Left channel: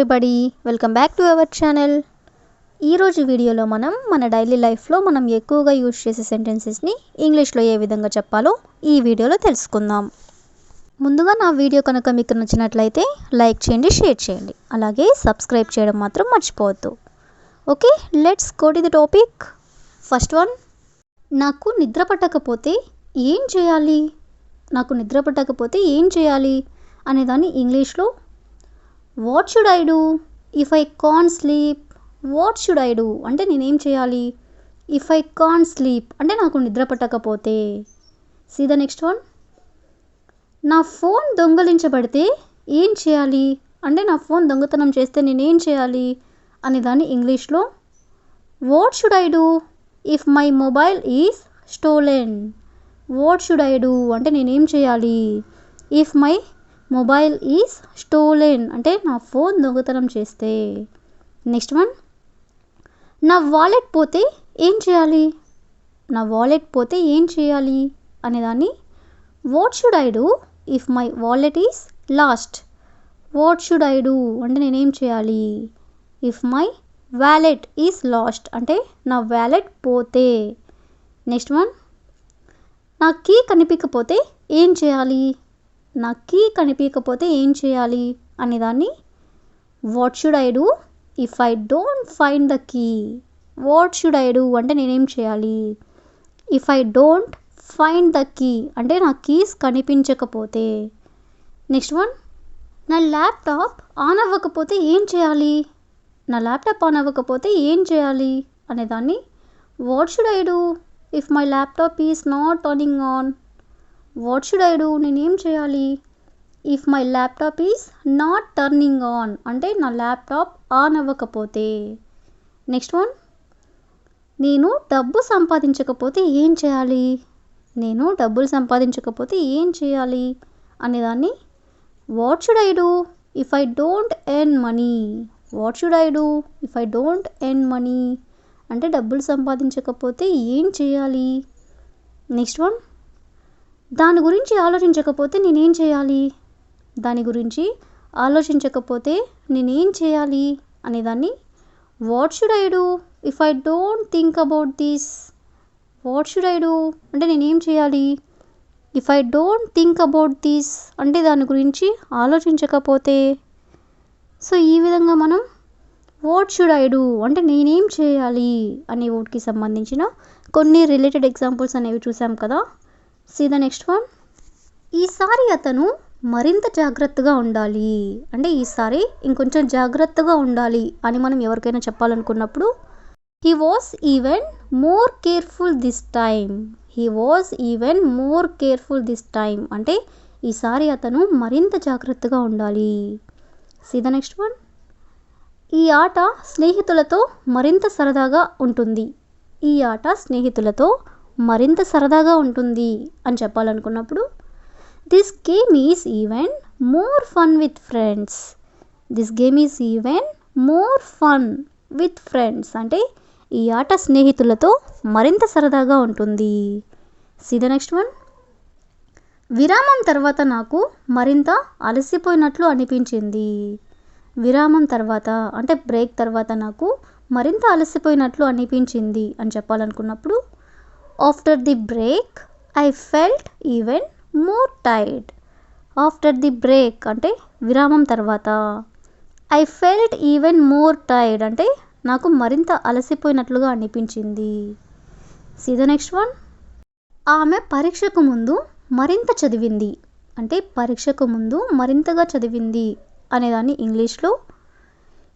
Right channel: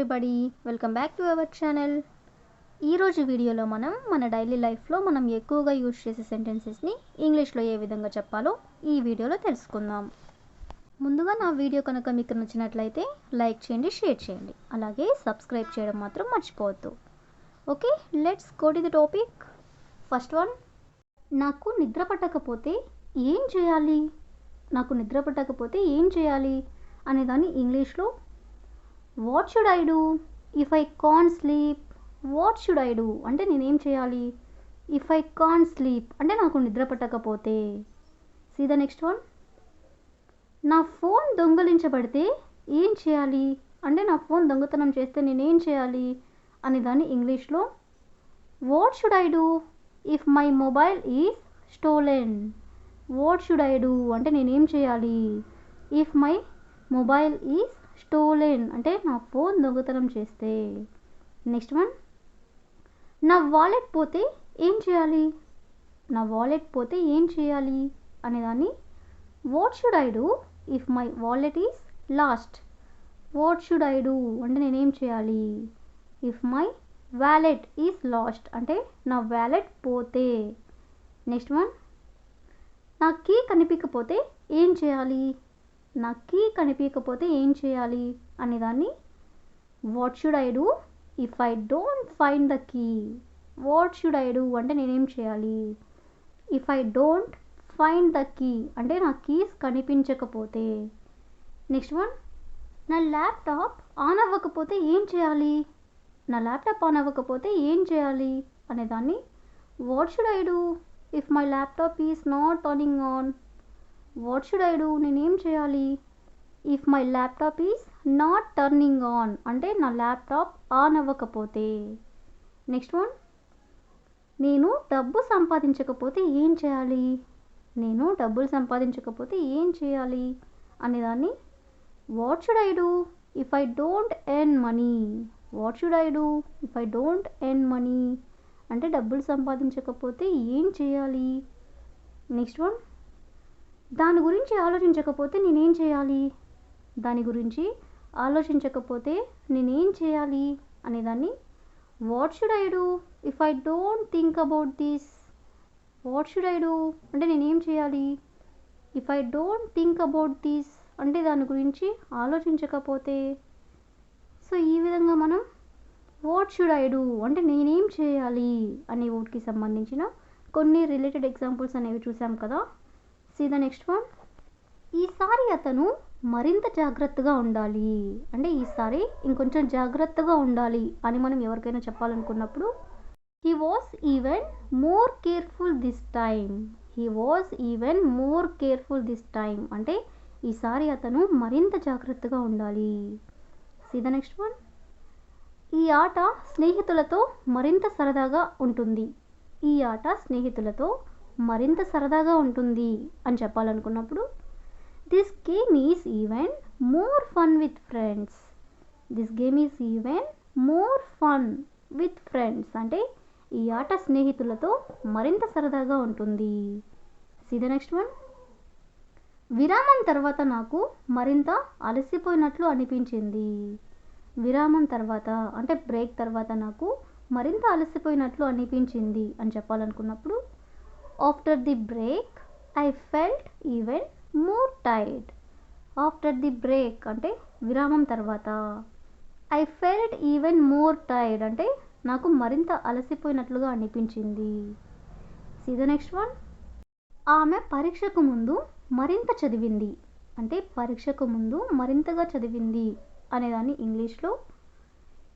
Everybody, welcome back to our channel. ఈరోజు వీడియోలో మన డైలీ లైఫ్లో మనం ఎక్కువగా యూజ్ చేసే సెంటెన్సెస్ని ఇంగ్లీష్లో ఏ విధంగా చెప్పాలో ఈ వీడియోలో తెలుసుకుందాం. ముందుగా నా వీడియో కనుక మీకు నచ్చినట్లయితే లైక్ చేయండి, షేర్ చేయండి, అలాగే సబ్స్క్రైబ్ చేయడం మాత్రం మర్చిపోవద్దు. Okay, let's go to the topic. First one, నాకు నిద్ర పట్టకపోతే ఏం చేయాలి? నాకు నిద్ర పట్టకపోతే ఏం చేయాలి అనేదాన్ని ఇంగ్లీష్లో what should I do if I can't sleep? What should I do అంటే నేనేం చేయాలి? ఇఫ్ ఐ కాంట్ స్లీప్ అంటే నాకు నిద్ర పట్టకపోతే. సీ ద నెక్స్ట్ వన్, నా ఫోన్ దొంగలించబడితే ఏం చేయాలి? అంటే నా ఫోన్ దొంగతనం చేస్తే నేనేం చేయాలి అనేదాన్ని ఇంగ్లీష్లో what should I do if my mobile is stolen? What should I do అంటే నేనేం చేయాలి? If my mobile is stolen అంటే నా ఫోన్ దొంగతనం చేస్తే. నెక్స్ట్ వన్, నా వాలెట్ పోతే ఏం చేయాలి? నా వాలెట్ పోతే ఏం చేయాలి అనేదాన్ని what should I do if my wallet is lost? What should I do అంటే నేనేం చేయాలి? If my wallet is lost అంటే నా వ్యాలెట్ పోతే. నెక్స్ట్ వన్, నా కీ కనిపించకపోతే ఏం చేయాలి? నా కీ కనిపించకపోతే ఏం చేయాలి అనేదాన్ని what should I do if I don't find the key? What should I do అంటే నేనేం చేయాలి? If I don't find the key అంటే నా కీస్ కనిపించకపోతే. నెక్స్ట్ వన్, నా ల్యాప్టాప్ ఆన్ అవ్వకపోతే ఏం చేయాలి? నా ల్యాప్టాప్ ఆన్ అవ్వకపోతే ఏం చేయాలి అనేదాన్ని what should I do if my laptop is not turning on? What should I do నేనేం చేయాలి? If my laptop is not turning on అంటే నా ల్యాప్టాప్ ఆన్ అవ్వకపోతే. నెక్స్ట్ వన్, నేను డబ్బు సంపాదించకపోతే ఏం చేయాలి? నేను డబ్బులు సంపాదించకపోతే ఏం చేయాలి అనేదాన్ని what should I do if I don't earn money? What should I do if I don't earn money అంటే డబ్బులు సంపాదించకపోతే ఏం చేయాలి? నెక్స్ట్ వన్, దాని గురించి ఆలోచించకపోతే నేనేం చేయాలి? దాని గురించి ఆలోచించకపోతే నేనేం చేయాలి అనేదాన్ని what should I do if I don't think about this? What should I do అంటే నేనేం చేయాలి? If I don't think about this అంటే దాని గురించి ఆలోచించకపోతే. సో ఈ విధంగా మనం వాట్ షుడ్ ఐ డూ అంటే నేనేం చేయాలి అనే వర్డ్కి సంబంధించిన కొన్ని రిలేటెడ్ ఎగ్జాంపుల్స్ అనేవి చూసాం కదా. సీ ద నెక్స్ట్ వన్, ఈసారి అతను మరింత జాగ్రత్తగా ఉండాలి అంటే ఈసారి ఇంకొంచెం జాగ్రత్తగా ఉండాలి అని మనం ఎవరికైనా చెప్పాలనుకున్నప్పుడు he was even more careful this time. He was even more careful this time అంటే ఈసారి అతను మరింత జాగ్రత్తగా ఉండాలి. సీ ద నెక్స్ట్ వన్, ఈ ఆట స్నేహితులతో మరింత సరదాగా ఉంటుంది. ఈ ఆట స్నేహితులతో మరింత సరదాగా ఉంటుంది అని చెప్పాలనుకున్నప్పుడు this game is even more fun with friends. This game is even more fun with friends అంటే ఈ ఆట స్నేహితులతో మరింత సరదాగా ఉంటుంది. సీ ద నెక్స్ట్ వన్, విరామం తర్వాత నాకు మరింత అలసిపోయినట్లు అనిపించింది. విరామం తర్వాత అంటే బ్రేక్ తర్వాత నాకు మరింత అలసిపోయినట్లు అనిపించింది అని చెప్పాలనుకున్నప్పుడు after the break I felt even more tired. After the break అంటే విరామం తర్వాత, I felt even more tired అంటే నాకు మరింత అలసిపోయినట్లుగా అనిపించింది. సీ ద నెక్స్ట్ వన్, ఆమె పరీక్షకు ముందు మరింత చదివింది అంటే పరీక్షకు ముందు మరింతగా చదివింది అనేదాన్ని ఇంగ్లీష్లో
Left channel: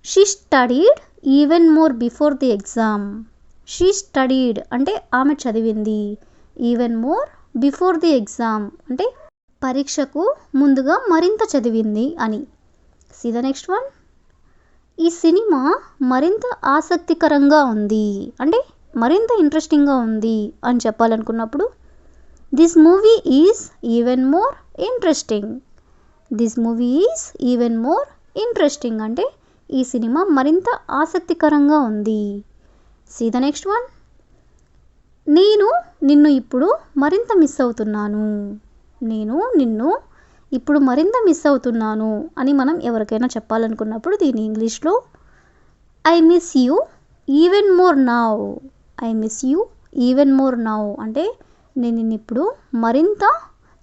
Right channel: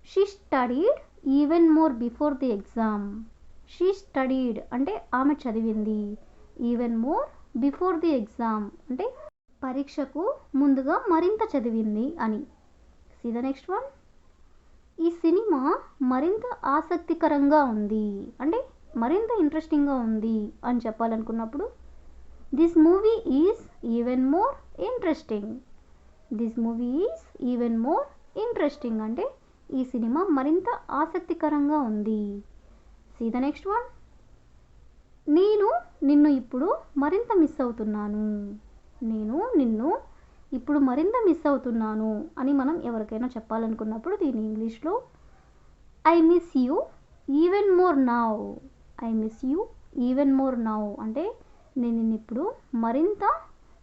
she studied even more before the exam. She studied అంటే ఆమె చదివింది, even more before the exam అంటే పరీక్షకు ముందుగా మరింత చదివింది అని. సీ ద నెక్స్ట్ వన్, ఈ సినిమా మరింత ఆసక్తికరంగా ఉంది అంటే మరింత ఇంట్రెస్టింగ్గా ఉంది అని చెప్పాలనుకున్నప్పుడు this movie is even more interesting. This movie is even more interesting అంటే ఈ సినిమా మరింత ఆసక్తికరంగా ఉంది. సీ ద నెక్స్ట్ వన్, నేను నిన్ను ఇప్పుడు మరింత మిస్ అవుతున్నాను. నేను నిన్ను ఇప్పుడు మరింత మిస్ అవుతున్నాను అని మనం ఎవరికైనా చెప్పాలనుకున్నప్పుడు దీని ఇంగ్లీష్లో I miss you even more now. I miss you even more now అంటే నేను నిన్ను ఇప్పుడు మరింత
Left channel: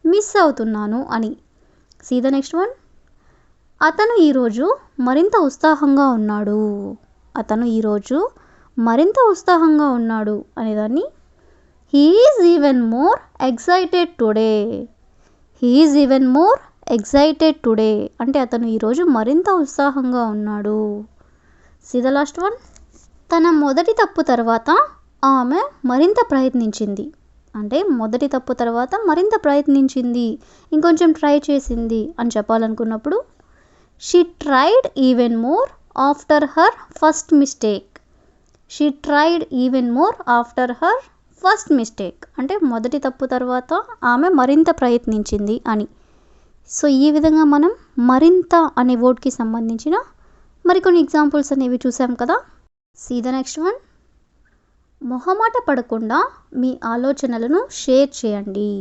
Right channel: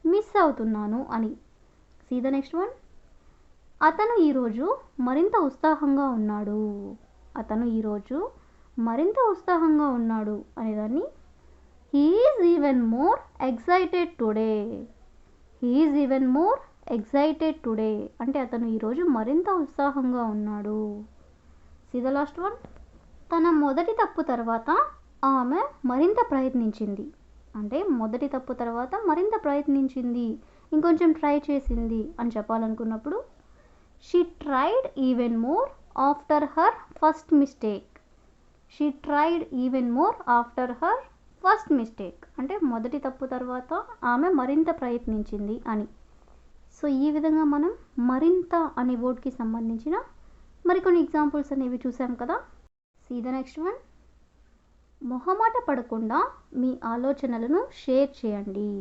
మిస్ అవుతున్నాను అని. See the next one. అతను ఈరోజు మరింత ఉత్సాహంగా ఉన్నాడు. అతను ఈరోజు మరింత ఉత్సాహంగా ఉన్నాడు అనేదాన్ని he is even more excited today. He is even more excited today అంటే అతను ఈరోజు మరింత ఉత్సాహంగా ఉన్నాడు. See the last one. తన మొదటి తప్పు తర్వాత ఆమె మరింత ప్రయత్నించింది. అంటే మొదటి తప్పు తర్వాత మరింత ప్రయత్నించింది, ఇంకొంచెం ట్రై చేసింది అని చెప్పాలనుకున్నప్పుడు she tried even more after her first mistake. She tried even more after her first mistake అంటే మొదటి తప్పు తర్వాత ఆమె మరింత ప్రయత్నించింది అని. సో ఈ విధంగా మనం మరింత అనే వర్డ్కి సంబంధించిన మరికొన్ని ఎగ్జాంపుల్స్ అనేవి చూసాం కదా. See the next one. మొహమాట పడకుండా మీ ఆలోచనలను షేర్ చేయండి.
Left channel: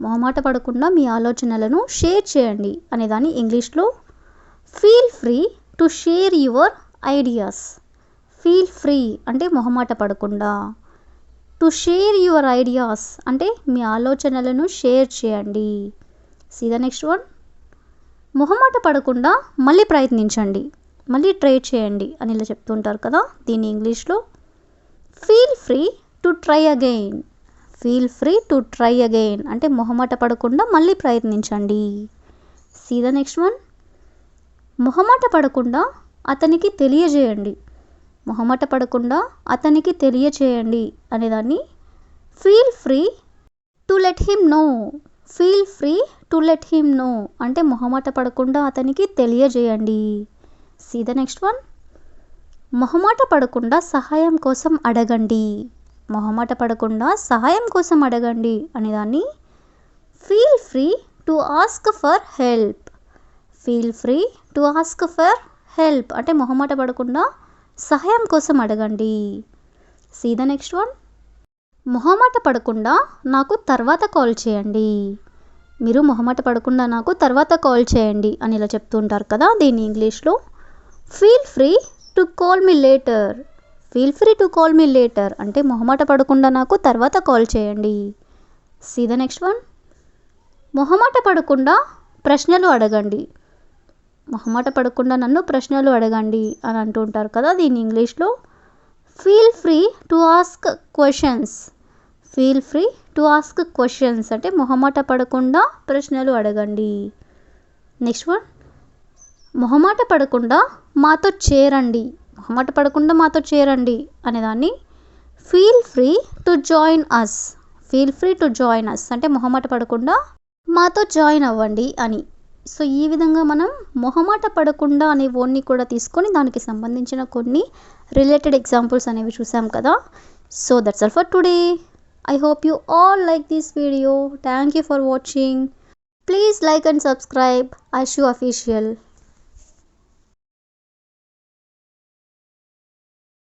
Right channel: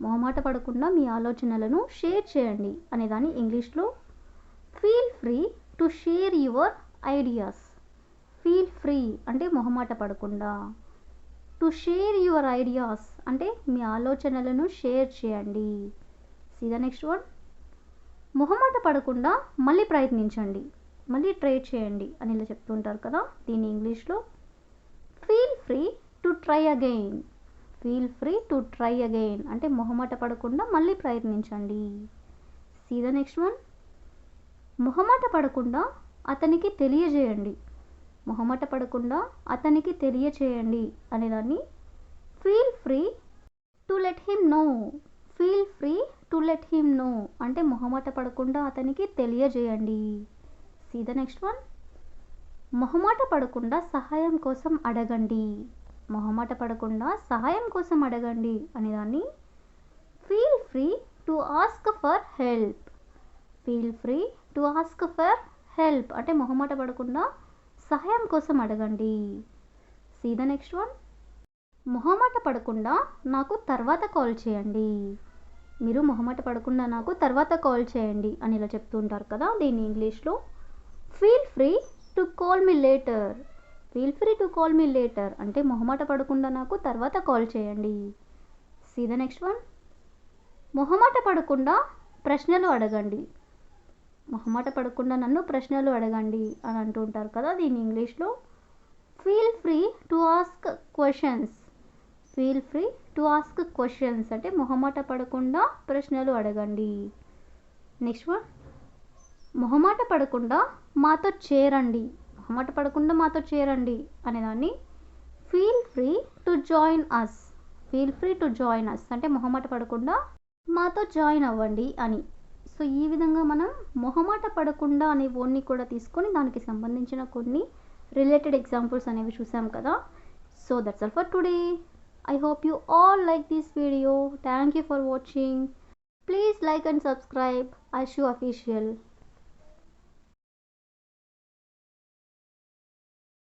మొహమాట పడకుండా మీ ఆలోచనలను షేర్ చేయండి అనేదాన్ని ఇంగ్లీష్లో feel free to share your ideas. Feel free అంటే మొహమాట పడకుండా, టు షేర్ యువర్ ఐడియాస్ అంటే మీ ఆలోచనలను షేర్ చేయండి. See the next one. మొహమాట పడకుండా మళ్ళీ ప్రయత్నించండి, మళ్ళీ ట్రై చేయండి అని ఇలా చెప్తుంటారు కదా. దీన్ని ఇంగ్లీష్లో feel free to try again. Feel free to try again అంటే మొహమాట పడకుండా మళ్ళీ ప్రయత్నించండి. See the next one. మొహమాట పడకుండా అతనికి తెలియజేయండి. మొహమాట పడకుండా అతనికి తెలియచేయండి అనేదాన్ని feel free to let him know. Feel free to let him know అంటే మొహమాట పడకుండా అతనికి తెలియజేయండి. See the next one. మొహమాట పడకుండా సహాయం కోసం అడగండి. మొహమాట పడకుండా సహాయం కోసం అడగండి అనేదాన్ని feel free to ask for help. Feel free to ask for help అంటే మొహమాట పడకుండా సహాయం కోసం అడగండి. See the next one. మొహమాట పడకుండా నాకు తర్వాత కాల్ చేయండి. మీరు మొహమాట పడకుండా నాకు తర్వాత కాల్ చేయండి అని ఇలా చెప్తూ ఉంటారు కదా. దీన్ని ఇంగ్లీష్లో feel free to call me later. Feel free to call me later అంటే మొహమాట పడకుండా నాకు తర్వాత కాల్ చేయండి. See the next one. మొహమాట పడకుండా ప్రశ్నలు అడగండి. మొహమాట పడకుండా నన్ను ప్రశ్నలు అడగండి అని అంటూ ఉంటారు కదా. దీన్ని ఇంగ్లీష్లో feel free to ask questions. Feel free to ask questions అంటే మొహమాట పడకుండా ప్రశ్నలు అడగండి. Next one. మొహమాట పడకుండా మాతో చేరండి. మొహమాట పడకుండా మాతో చేరండి అనేదాన్ని feel free to join us. Feel free to join us అంటే మొహమాట పడకుండా మాతో జాయిన్ అవ్వండి అని. సో ఈ విధంగా మనం మొహమాట పడకుండా అనే వర్డ్ని కూడా తీసుకొని దానికి సంబంధించిన కొన్ని రిలేటెడ్ ఎగ్జాంపుల్స్ అనేవి చూసాం కదా. So that's all for today. I hope you all like this video. Thank you for watching. Please like and subscribe Ashu Official.